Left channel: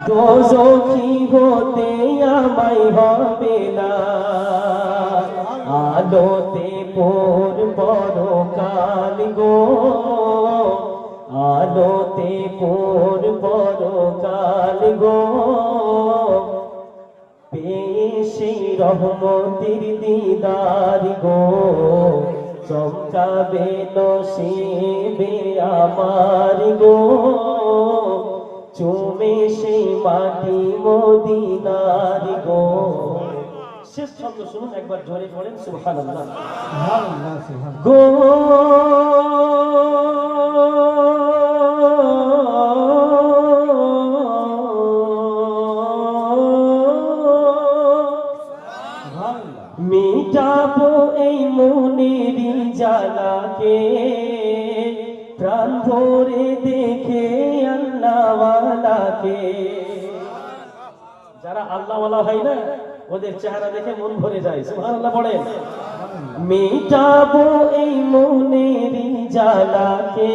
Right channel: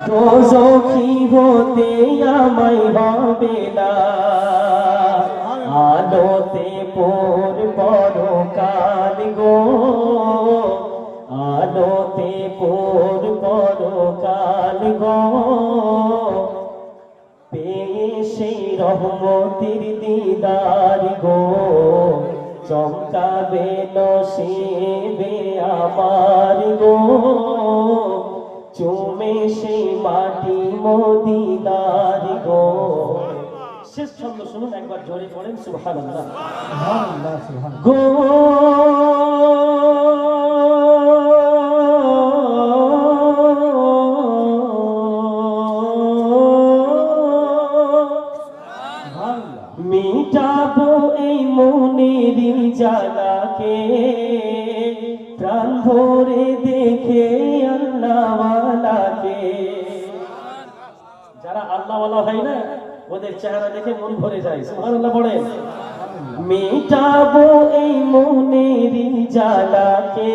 দোজখী হতে আমায় হবে না। আলোতে পোর বড় কাল গো। আলোতে পোর বড় কাল গো। পেয়ে সেই রহমতির দিদার গো। চমকাবে নসিবে আমার। চুমে সেই মাটি মদিনার গো। শেষ ছন্দ শুনুন একবার জোরে করেন সুবহানাল্লাহ। গো মিটাবো এই মনের জ্বালাকে প্রাণ ভরে দেখে আল্লাহওয়ালাকে যারা আল্লাহ ভাই না ওদের চেহারা দেখে মন ভরে যায় মিটাবো এই মনের জালাকে।